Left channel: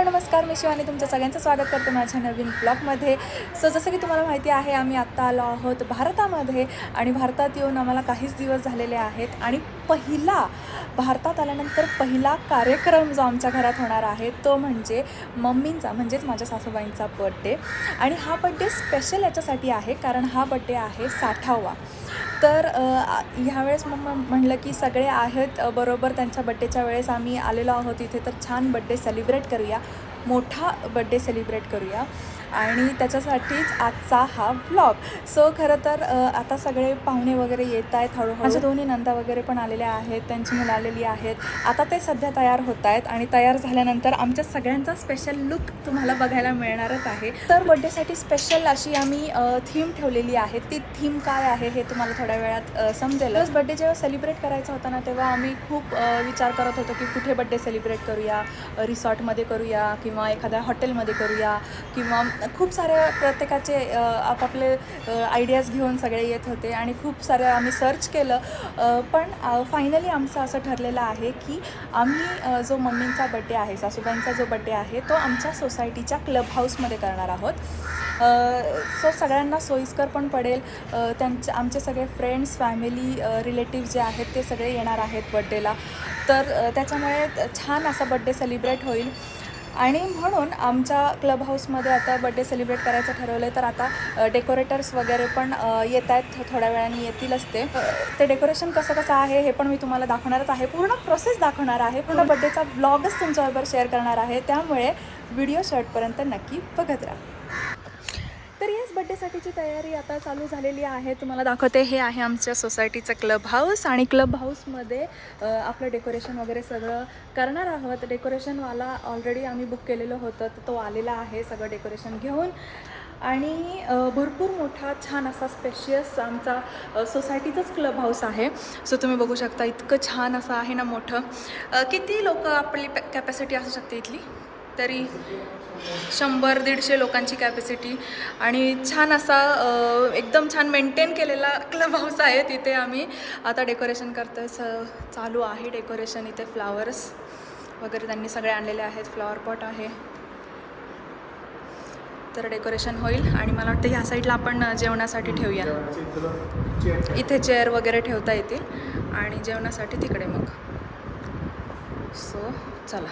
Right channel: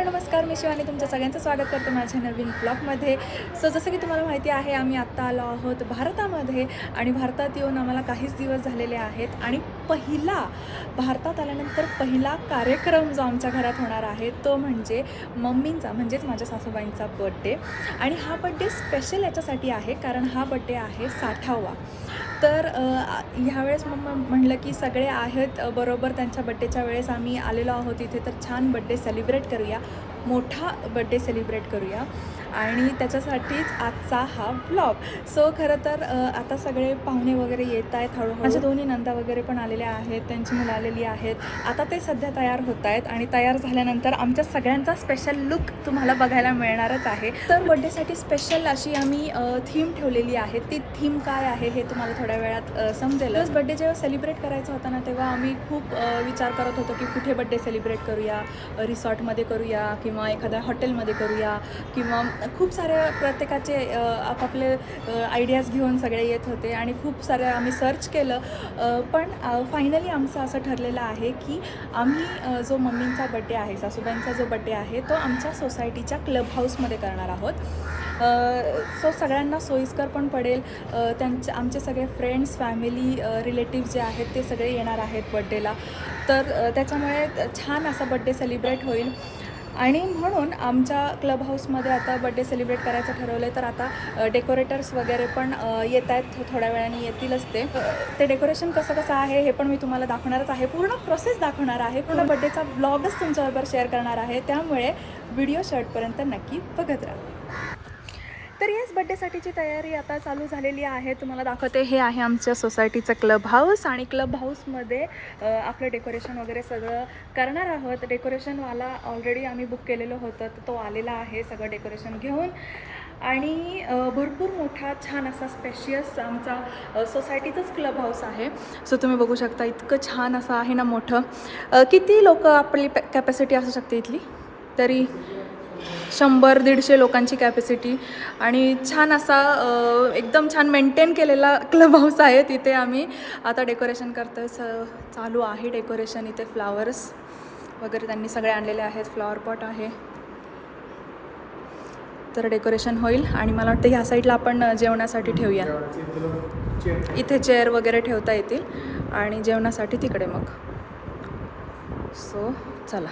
Hello नमस्कार, मी शिवानी तुमचं सगळ्यांचं स्वागत करते माझ्या नवीन ब्लॉगमध्ये. जसं की तुम्हाला माहिती आहे, आम्ही आत्ता आलो आहोत भारतामध्ये आणि भारतात येऊन आम्हाला काहीच दिवस झालेले आहेत आणि भारतात आल्यानंतर पहिला कार्यक्रम जो आमच्या घरात होणार आहे तो म्हणजे मम्मींचा म्हणजेच माझ्या सासूबाईंचा बड्डे. आणि हा बड्डे स्पेशल याच्यासाठी आहे कारण हा बड्डे आहे 60वा. तर ह्यावेळेस मग म्हणलं की सगळे आहेत बरोबर त्यांच्या बड्डेच्या वेळेस आम्ही आलेलो आहोत इथे, तर छान बड्डे सेलिब्रेट करूया, मोठा बड्डे सेलिब्रेट करूया आणि त्याच्यासाठीच आजचा हा व्लॉग. सो खरं तर आता सगळे पाहुणे वगैरे येत आहेत हळूहळू. माझ्या दोन्ही नंदा वगैरे पण आलेल्या आहेत, त्यांची मुलं आलेली आहेत. आता ते सध्या तयार होत आहेत आणि तयार झाल्यानंतर आमच्या सगळ्यांचा स्पेशल लुक तुम्हाला बघायला मिळणारच आहे. तर बड्डेसाठी स्पेशल अशी आम्ही थीम ठेवलेली आहे. ती थीम काय आहे हे तुम्हाला थोड्या वेळात समजेलच. बड्डे जेव्हा सेलिब्रेट करायचा होता ना, तेव्हा आम्ही खूप विचार करत होतो की कुठे बड्डे सेलिब्रेट करूया, रिसॉर्टमध्ये करूया किंवा एखाद्या हॉटेलमध्ये करूया किंवा खूप साऱ्या प्रत्येकाचे आपापले आयडियाज घेऊन सगळे येत होते आणि खूप साऱ्या आम्ही सर्च केलं. पण फायनली आमचं असं ठरलेलं आहे की आम्ही जो मम्मींचा बड्डे आहे, सासूबाईंचा जो बड्डे आहे तो आमच्या सोसायटीच्या क्लब हाऊसमध्ये करणार आहोत. सो सगळ्यांना सोयीस्कर पण पडेल. आमचे सगळे फ्रेंड्स, फॅमिली, रिलेटिव्ह जे आहेत ते सगळे येणार आहेत बड्डेला. तर त्याच्यामुळे छान असा बड्डे सेलिब्रेट होईल आणि म्हणून आमच्या क्लब हाऊसमध्ये आता बड्डे सेलिब्रेट करायचं ठरवलं आहे. तर आता डेकोरेटर्स वगैरे पण येत आहेत, थोड्या वेळाने येतीलच ते डेकोरेशन कसं आहे हे पण मी तुम्हाला दाखवणारच आहे. पूर्ण प्रोसेस दाखवणार आहे, पूर्ण बड्डेचा व्लॉगच तुमच्याबरोबर शेअर करणार आहे. त्यामुळे व्हिडिओ शेवटपर्यंत नक्की बघत राहा. तर येस, बड्डेसाठीची तयारी आता चालू झालेली आहे. तुम्हाला दाखवते, हे आहे आमच्या सोसायटीचं क्लब हाऊस आणि क्लब हाऊसमध्ये आपलं डेकोरेशन वगैरे सगळं करणार आहोत. डेकोरेशनवाला ऑलरेडी आम्ही बुक केलेलं होतं, तर तो आलेला आहे सगळं डेकोरेशन घेऊन. आणि भरपूर मोठा छान असा स्पेशियस आमचा सोसायटीचंच क्लब हाऊस आहे. सो तुम्ही बघू शकता, इतकं छान असं आहे ना मोठं. किती लोक आपली कॅपॅसिटी असू शकते इथली? तरी 100-150 लोकांची कॅपॅसिटी आणि छान असा एकदम छान मेंटेन केलेला क्लब हाऊस आहे. तिथे आम्ही आता डेकोरेशन करतो. चालू आहे डेकोरेशन. इथे फ्लावर्स वगैरे त्यांनी सगळे आणलेले आहेत, फ्लॉवर पॉट आहे. तर डेकोरेशन होईल आणि मला वाटतं ह्या साईडला आपण जेवणासाठी ठेवूया. इथे चेअर वगैरे ठेवता येतील आणि जेवणासाठी तिकडे मग. सो चला.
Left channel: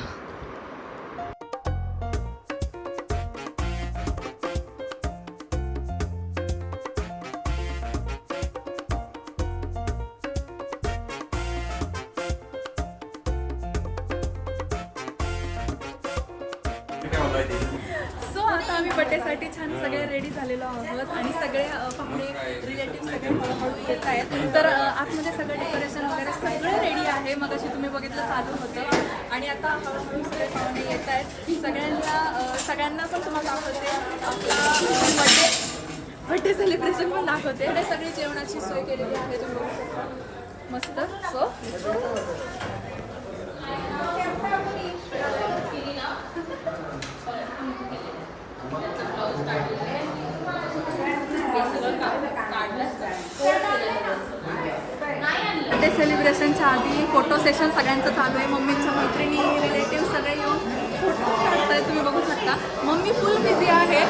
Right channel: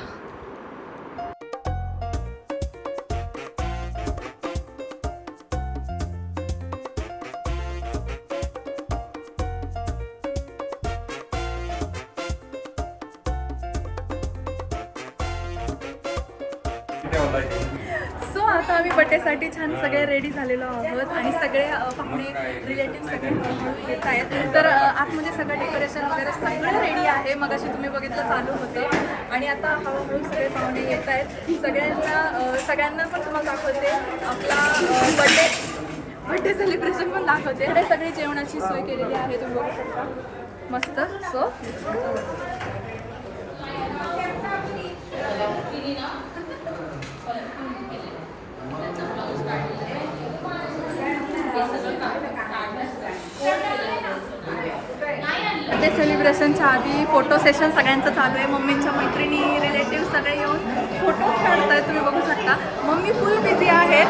सो आता आम्ही बड्डेसाठी छान सगळे रेडी झालेलो आहोत आणि सगळे पाहुणे, रिलेटिव्ह सगळे हळूहळू येत आहेत. तर आतमध्ये सगळं डेकोरेशन वगैरे सगळं रेडी आहे. मग अशी तुम्ही बघितलं चालू होतं आणि आता हळूहळू सगळे पाहुणे येत आहेत. सगळ्यांना पण तुम्हाला दाखवते आपला बड्डे सेलिब्रेशन पण दाखवते. हे सगळी जेवणाची सोय केलेली आहे, तुम्ही बघू शकता मस्त. सो बड्डे सेलिब्रेशनच्या आधी फोटो सेशन सगळ्यांचं चालू आहे. मम्मींच्या मैत्रिणी, रिलेटिव्ह सगळे येऊन फोटो काढतायत, तुम्ही बघू शकता. मम्मी फुल बिझी आहे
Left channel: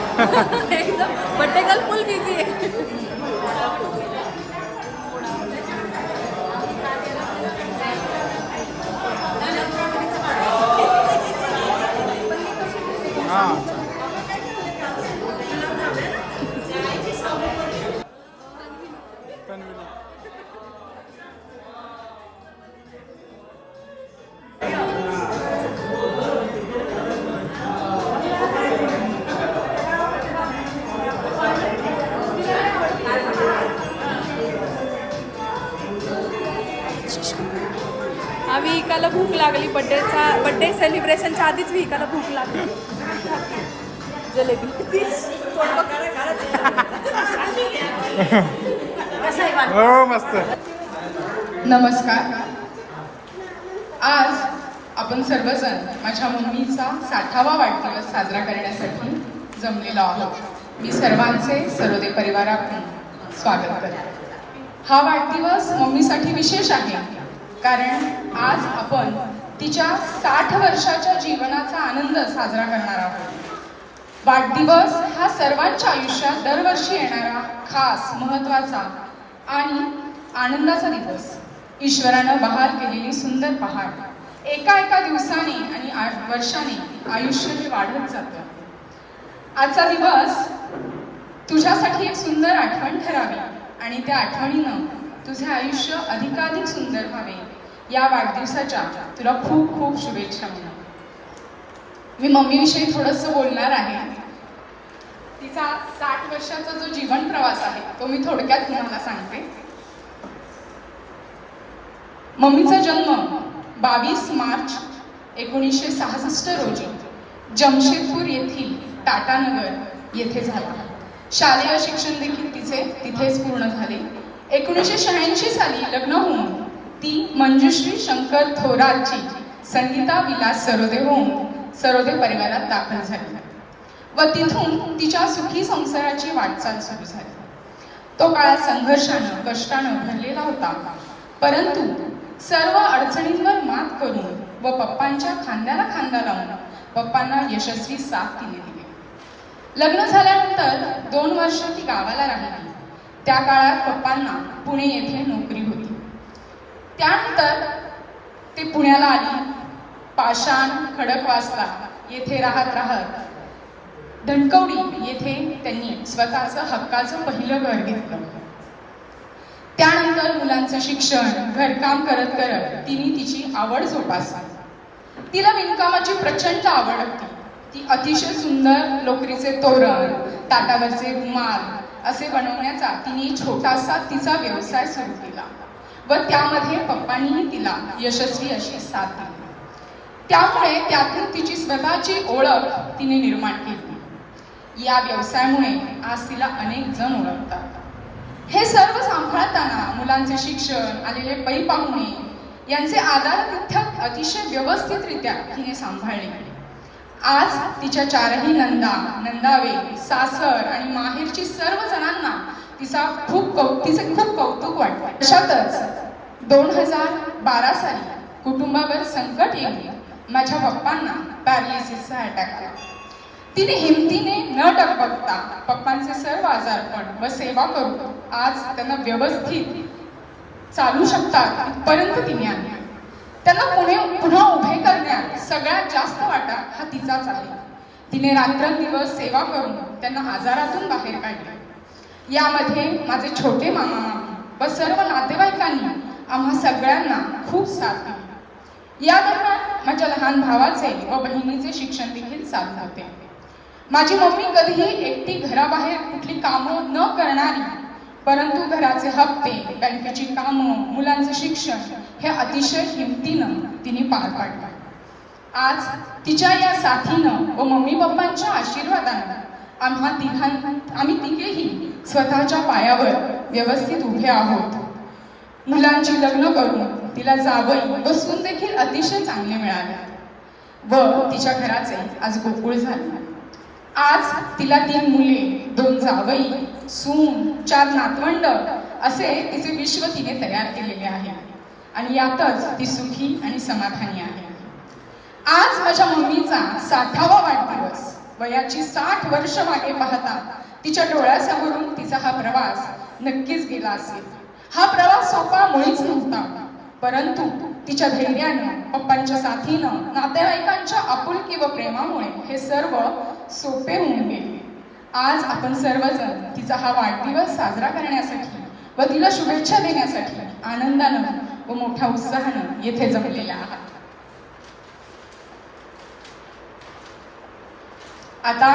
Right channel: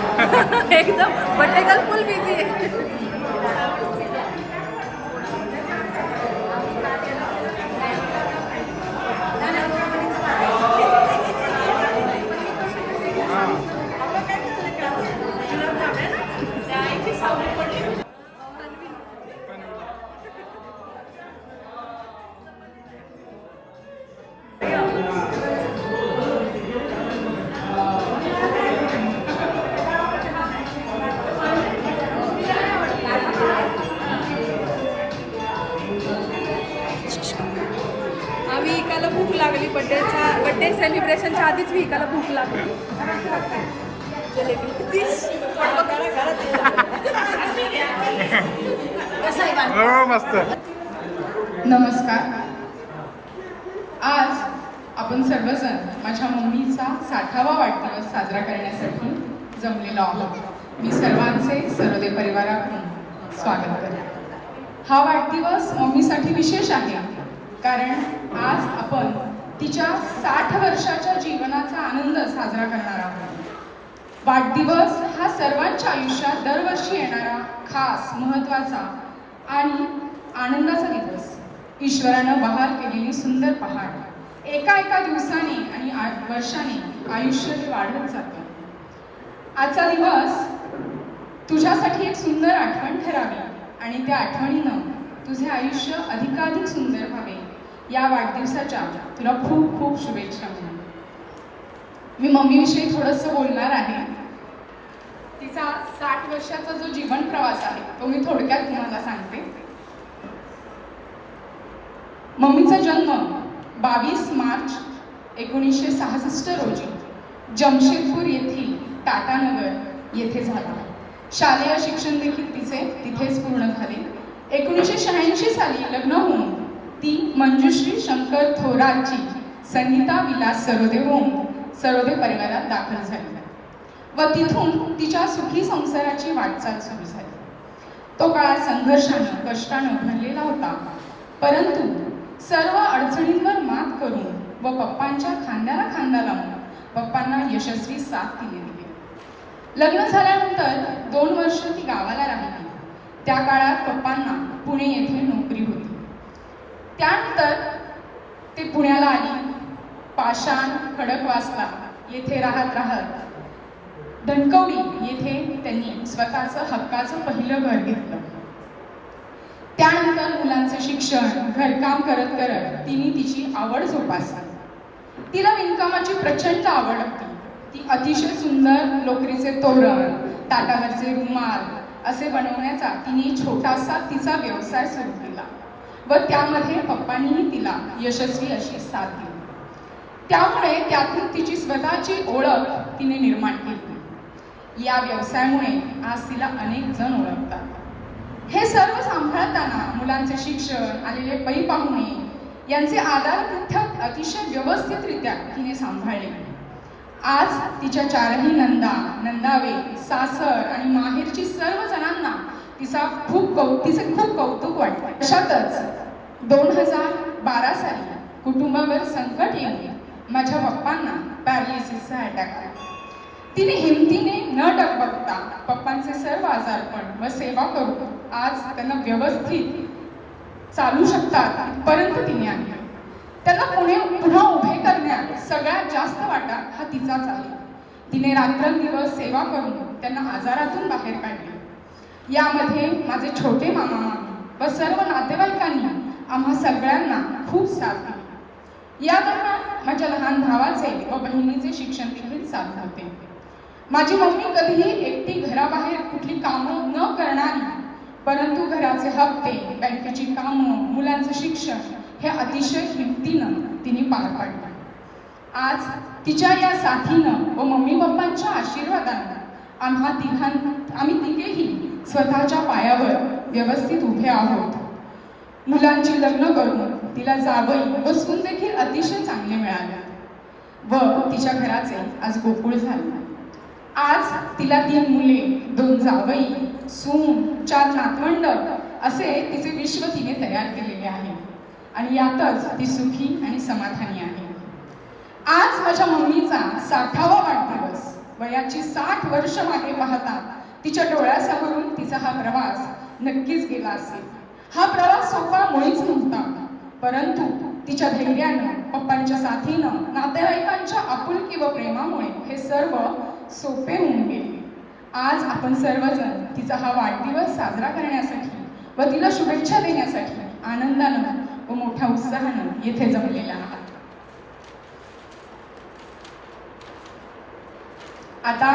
एकदम बड्डे गर्ल फुल बिझी आहे. विकायला भूक लागली. बड्डे सेलिब्रेशनच्या आधीच विकायला भूक लागली. जलेबी हो मस्त. नमस्कार. आज आपण सर्वजण माझ्या मम्मीचा 60वा वाढदिवस साजरा करण्यासाठी जमलेलो आहोत. मी सर्वांचे सर्वदेव परिवाराकडून स्वागत करते. हा वाढदिवस मम्मीसाठी विशेष आहे कारण आज आपण तिच्या 60 वर्षाच्या जीवनाचा आनंद साजरा करणार आहोत. वाढदिवस हा सर्वांच्या आयुष्यात दरवर्षी येणारा खास, महत्त्वाचा आणि आनंदाचा दिवस. ईश्वरानं बहाल केलेली सुंदर पहाड. एका दिवसाने आणि वर्षाने आयुष्य हे वाढत जातं. आजचा दिवस तुझ्यासाठी एक सुंदर आठवण ठरावी आणि त्या आठवणीनं तुझे आयुष्य अधिकाधिक सुंदर व्हावे. या वाढदिवसाच्या तुला खूप खूप शुभेच्छा. मी मम्मीविषयी थोडंसं बोलणार आहे. तिचा 60 वर्षाचा जो जीवन प्रवास आहे तो मी थोडक्यात तुम्हाला सांगते. मम्मीचा जन्म 22 मार्च 1966 रोजी जमशेदपूर येथील टाटानगर येथे झाला. शालेय शिक्षण देखील तिचे तिथेच पूर्ण झाले. 1986 साली लग्न होऊन ती मंजुश्री शंकर थोरातची संगीता विलास सरोदे होऊन सरोदे परिवारात दाखल झाली व तिथून तिच्या सुखी संसाराची वाटचाल सुरू झाली. तो काळ संघर्षाने, कष्टानं भरलेला होता, परंतु सर्व अडचणींवर मात करून व पप्पांच्या खांद्याला खांदा लावून पप्पांना यशस्वी साथ दिलेली. लग्न झाल्यानंतर 2 वर्ष ती गावाला राहिली. त्या काळात पप्पांना पुणे येथे नोकरी होती. त्यानंतर ते पुण्याला आली. पाषाण खडकवासला येथे राहत धनकवडी येथे त्यांनी स्वतःचं हक्काचं पहिलं घर घेतलं. त्यानंतर मुलांचं शिक्षण, घरकाम करत तिने तिची आवड जोपासली. तिला विणकामाची प्रचंड आवड होती. ती अतिशय सुंदर लोकरीचे तोरण, ताटावरचे रुमाल असे बनवण्याचा तिने छोटासा तिचा व्यवसाय सुरू केला व त्यामध्ये पप्पांनीही तिला यशस्वी अशी साथ दिली. त्यामुळे त्यातून तिची स्वतःची ओळख तिने निर्माण केली. या व्यवसायामुळे आज तिला अनेक जण ओळखतात. हे सर्व सांभाळताना मुलांचे शिक्षण, आलेले पै पाहुणे यांचे आदरातिथ्य अतिशय व्यवस्थितरित्या तिने सांभाळले. आज तिच्या 4ही नंदावे, सासर आणि माहेरची सर्व जणांना तिचे खूप कौतुक वाटते. अशातच 2012 साली कुटुंबावर संकट येऊन माझ्या पप्पांना पॅरालिसिसचा अटॅक आला. तिने हिमतीने न डगमगता पप्पांचे सर्व आजारपण व सेवा करून आज त्यांना व्यवस्थित चालू शकतात परंतु तिने आणले. त्यांना पुन्हा उभे करण्यात सगळ्यात जास्त वाटा हा तिचाच आहे. तिने रात्रंदिवस सेवा करून त्यांना आजारातून बाहेर काढले. यामध्ये माझे छोटे मामा व सर्व नातेवाईकांनी आम्हा सगळ्यांना खूप साथ दिली. या दरम्यान माझ्या लहान भावाचे व बहिणीचे शिक्षण देखील चालू होते. माझी मम्मी कधीही एकटी घराबाहेर कुठली कामं न करणारी, परंतु घराचे हप्ते, बँकेची कामं, मुलांचे शिक्षण हे अतिशय हिमतीनं तिने पार पाडलं. आज तिच्या या साथीनं व मम्मी पप्पांच्या आशीर्वादानं आम्ही तिघेही स्वतःच्या पायावर व्यवस्थित उभे आहोत. मुलांची लग्न करून तिला जावई व सून देखील अतिशय चांगले मिळाले व तिच्या घराचे आज गोकुळ झाले. आज तिला 3 मुले, 2 जावई, सून, 4 नातवंड असे तिचे विश्व तिने तयार केलेले आहे आणि यातच ती सुखी आणि समाधानी आहे. आज माझ्या मम्मीचा 60वा वाढदिवस. वयाची 60 वर्ष मागे पाहता तिच्या डोळ्यासमोरून तिचा हा प्रवास नक्कीच गेला असेल. हा प्रवास सोपा मुळीच नव्हता, परंतु तिच्या धैर्यानं, पप्पांच्या साथीनं, नातेवाईकांच्या आपुलकी व प्रेमामुळे हे सर्व सोपे होऊन गेले. आज आपण सर्वजण तिचा हा वाढदिवस साजरा करण्यासाठी व तिला शुभेच्छा देण्यासाठी आनंदानं व मोठ्या उत्साहानं येथे जमलेल्या आहात. आता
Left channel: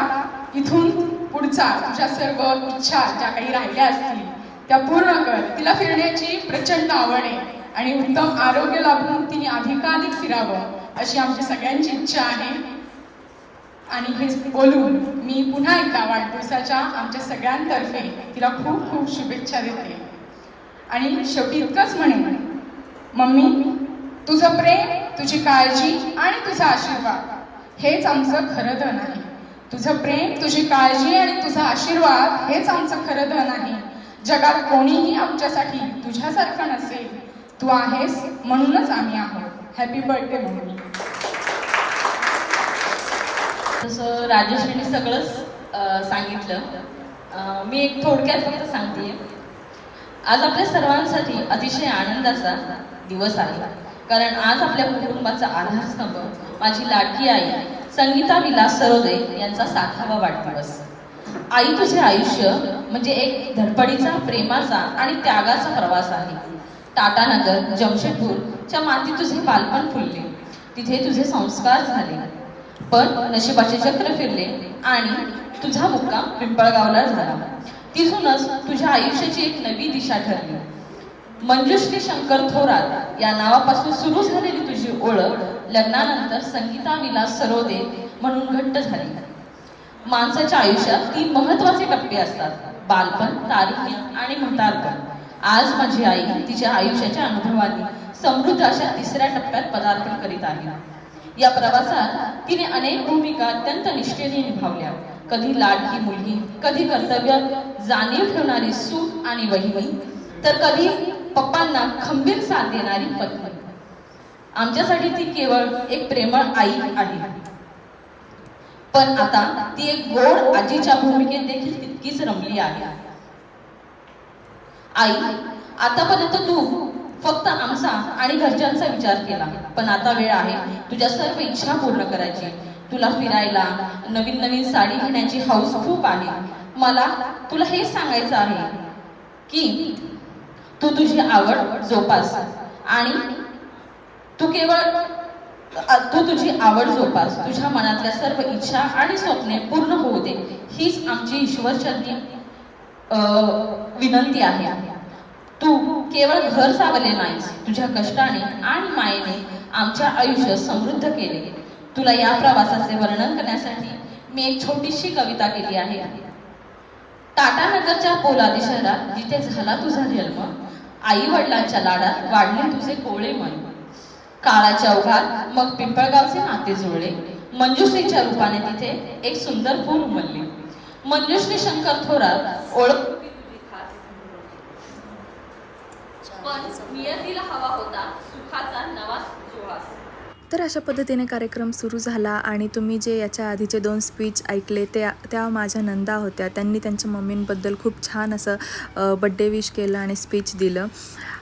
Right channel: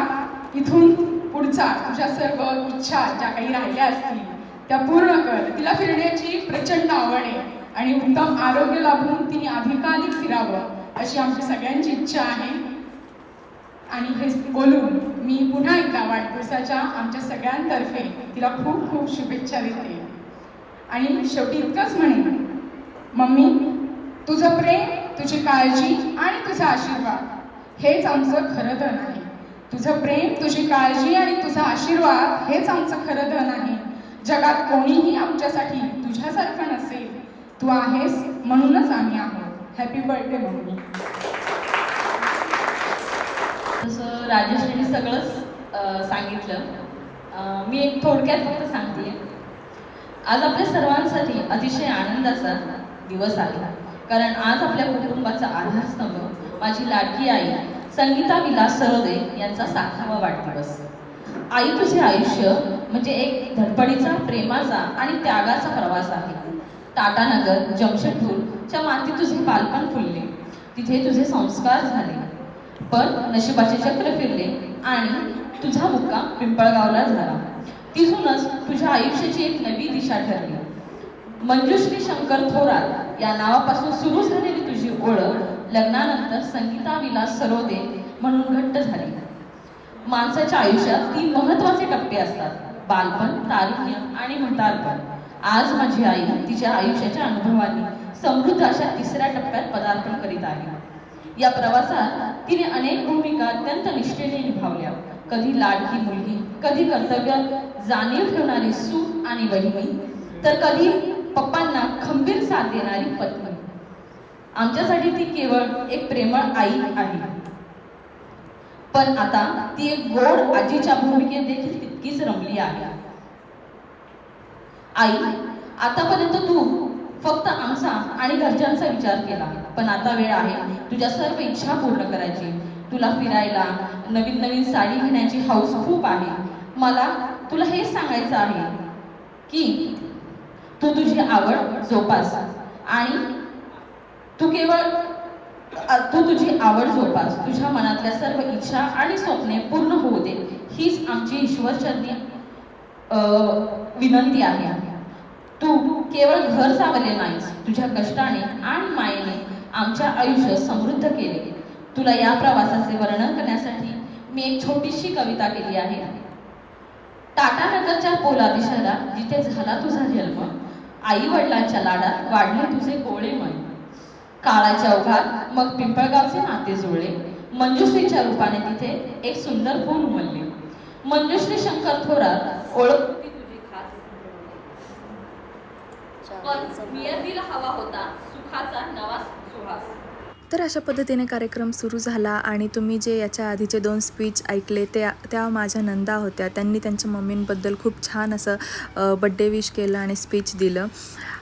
इथून पुढचा तुझ्या सर्व इच्छा ज्या काही राहिल्या असतील त्या पूर्ण कर. तिला फिरण्याची प्रचंड आवड आहे आणि उत्तम आरोग्य लाभून तिने अधिकाधिक फिरावं अशी आमची सगळ्यांची इच्छा आहे. आणि हे बोलून मी पुन्हा एकदा वाढदिवसाच्या आमच्या सगळ्यांतर्फे तिला खूप खूप शुभेच्छा देते. आणि शेवटी इतकंच म्हणेन, मम्मी, तुझं प्रेम, तुझी काळजी आणि तुझा आशीर्वाद हेच आमचं खरं धन आहे. तुझं प्रेम, तुझी काळजी आणि तुझा आशीर्वाद हेच आमचं खरं धन आहे. जगात कोणीही आमच्यासाठी तुझ्यासारखं नसेल. तू आहेस म्हणूनच आम्ही आहोत. Happy birthday mummy. तसं राजेश्रीने सगळंच सांगितलं. मी एक थोडक्यात फक्त सांगते. आज आपल्या सर्वांसाठी अतिशय आनंदाचा दिवस आहे, कारण आज आपल्या कुटुंबाचा आधारस्तंभ माझी लाडकी आई संगीता विलास सरोदे यांचा 60वा वाढदिवस. आई, तुझे आयुष्य म्हणजे एक धडपडीचा, प्रेमाचा आणि त्यागाचा प्रवास आहे. टाटानगर, जमशेदपूरच्या मातीत तुझे बालपण फुलले, तिथे तुझे संस्कार झाले, पण नशिबाचे चक्र फिरले आणि तुझा मुक्काम पिंपळगावला झाला. तिथूनच तुझ्या आयुष्याची एक नवी दिशा ठरली. मंजुश्री शंकर थोरात या नावापासून सुरू झालेली तुझी ओळख लग्नानंतर संगीता विलास सरोदे म्हणून घट्ट झाली. माणसाच्या आयुष्यात 3 महत्त्वाचे टप्पे असतात: बालपण, तारुण्य आणि म्हातारपण. आज माझी आई तिच्या आयुष्याच्या अनुभवांनी समृद्ध अशा 3ऱ्या टप्प्यात पदार्पण करीत आहे. या प्रवासात तिने अनेक भूमिका अत्यंत निष्ठेने निभावल्या. कधी लाडकी मुलगी, कधी कर्तव्य जाणीव ठेवणारी सून आणि बहिणी, तर कधी पप्पांना खंबीर साथ देणारी पत्नी. आमच्यासाठी ती केवळ एक प्रेमळ आई आहे, पण आता ती एक गोड आजीच्या भूमिकेत देखील तितकीच रमली आहे. आई, आतापर्यंत तू फक्त आमचा आणि घरच्यांचा विचार केला, पण आता वेळ आहे तुझ्या सर्व इच्छा पूर्ण करायची. तुला फिरायला, नवीन नवीन साडी घेण्याची हौस खूप आहे. मला तुला हेच सांगायचं आहे की तू तुझी आवड जोपास आणि तुझी आवड जोपास. तुझ्या मनातल्या सर्व इच्छा आणि स्वप्ने पूर्ण होऊ दे, हीच आमची ईश्वरचरणी विनंती आहे. तू केवळ घर सावरले नाहीस, तुझ्या कष्टाने आणि मायेने आमच्या आयुष्य समृद्ध केले. तुला या प्रवासाचे वर्णन करण्यासाठी मी एक छोटीशी कविता केली आहे. टाटानगरच्या पोलादी शहरात जिथे झाला तुझा जन्म, आई वडिलांच्या लाडात वाढले तुझे कोळे मन. काळाच्या ओघात मग पिंपळगावचे नाते जुळले, मंजुश्रीच्या रूपाने तिथे एक सुंदर फूल उमलले. मंजुश्री शंकर थोरात ओळख पण नियतीला हवा होता सुखाचा नवा सुहास. तर अशा पद्धतीने कार्यक्रम सुरू झाला आणि तुम्ही जे याच्या आधीचे 2 स्पीच ऐकले त्या माझ्या नंदा होत्या. त्यांनी त्यांच्या मम्मींबद्दल खूप छान असं बड्डे विश केलं आणि स्पीच दिलं.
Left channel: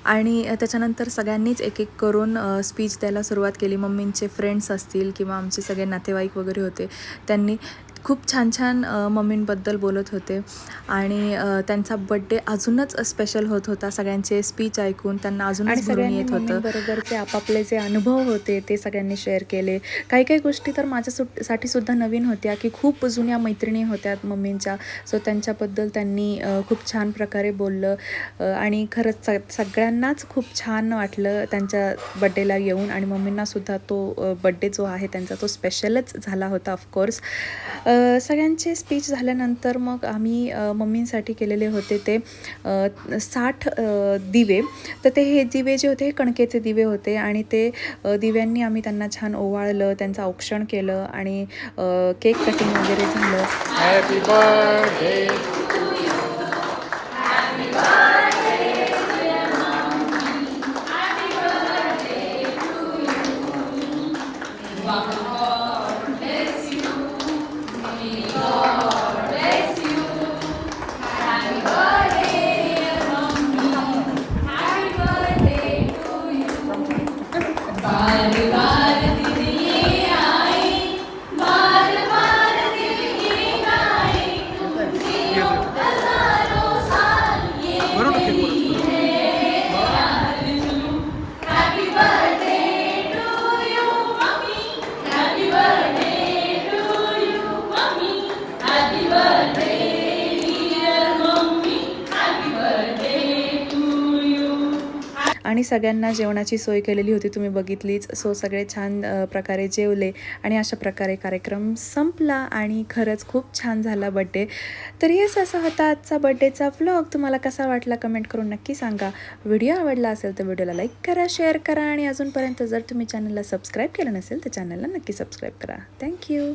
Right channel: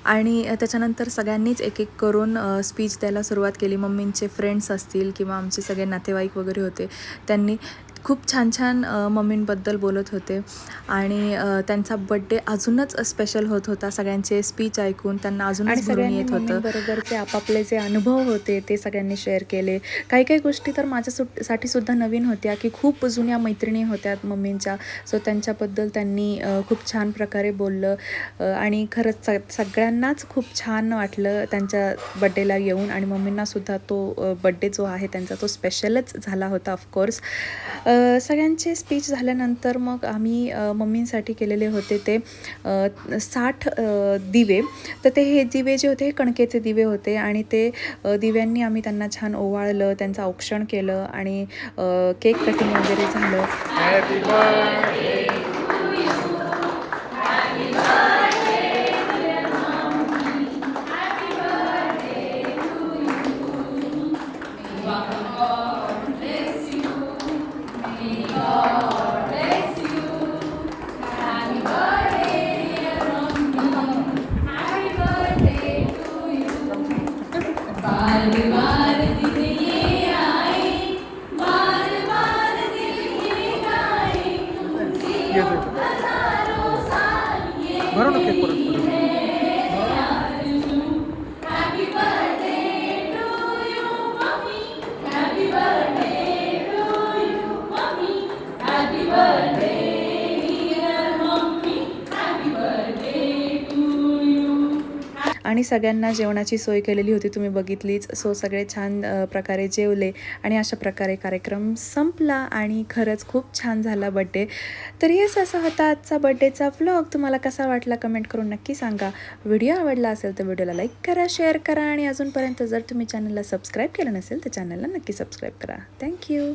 आणि त्याच्यानंतर सगळ्यांनीच एक एक करून स्पीच द्यायला सुरुवात केली. मम्मींचे फ्रेंड्स असतील किंवा आमचे सगळे नातेवाईक वगैरे होते, त्यांनी खूप छान छान मम्मींबद्दल बोलत होते. आणि त्यांचा बड्डे अजूनच स्पेशल होत होता. सगळ्यांचे स्पीच ऐकून त्यांना अजूनच भरून येत होतं. बरोबरचे आपापले जे अनुभव होते ते सगळ्यांनी शेअर केले. काही काही गोष्टी तर माझ्यासाठी सुद्धा नवीन होत्या, की खूप जुन्या मैत्रिणी होत्या मम्मींच्या, सो त्यांच्याबद्दल त्यांनी खूप छान प्रकारे बोललं. आणि खरंच सगळ्यांनाच खूप छान वाटलं त्यांच्या बड्डेला येऊन. आणि मम्मींनासुद्धा तो बड्डे जो आहे त्यांचा तो स्पेशलच झाला होता ऑफकोर्स. सगळ्यांचे स्पीच झाल्यानंतर मग आम्ही मम्मींसाठी केलेले होते ते 60 दिवे. तर हे दिवे जे होते हे कणकेचे दिवे होते आणि ते दिव्यांनी आम्ही त्यांना छान ओवाळलं, त्यांचं औक्षण केलं आणि केक कटिंग वगैरे झालं. Happy birthday. भरू ना केक परत. आणि सगळ्यांना जेवणाची सोय केलेली होती, तुम्ही बघितलीच. सो सगळे छान प्रकारे जेवले आणि अशा प्रकारे कार्यक्रम संपला आणि खरंच खूप छान झाला बड्डे. तर हेच असा होता आजचा बड्डेचा व्लॉग. तुम्हाला कसा वाटला कमेंट करून नक्की सांगा. व्हिडिओ आवडला असेल तर व्हिडिओला लाईक करा, शेअर करा आणि अजूनपर्यंत जर तुम्ही चॅनलला सबस्क्राईब केलं नसेल तर चॅनलला नक्की सबस्क्राईब करा. थँक्यू.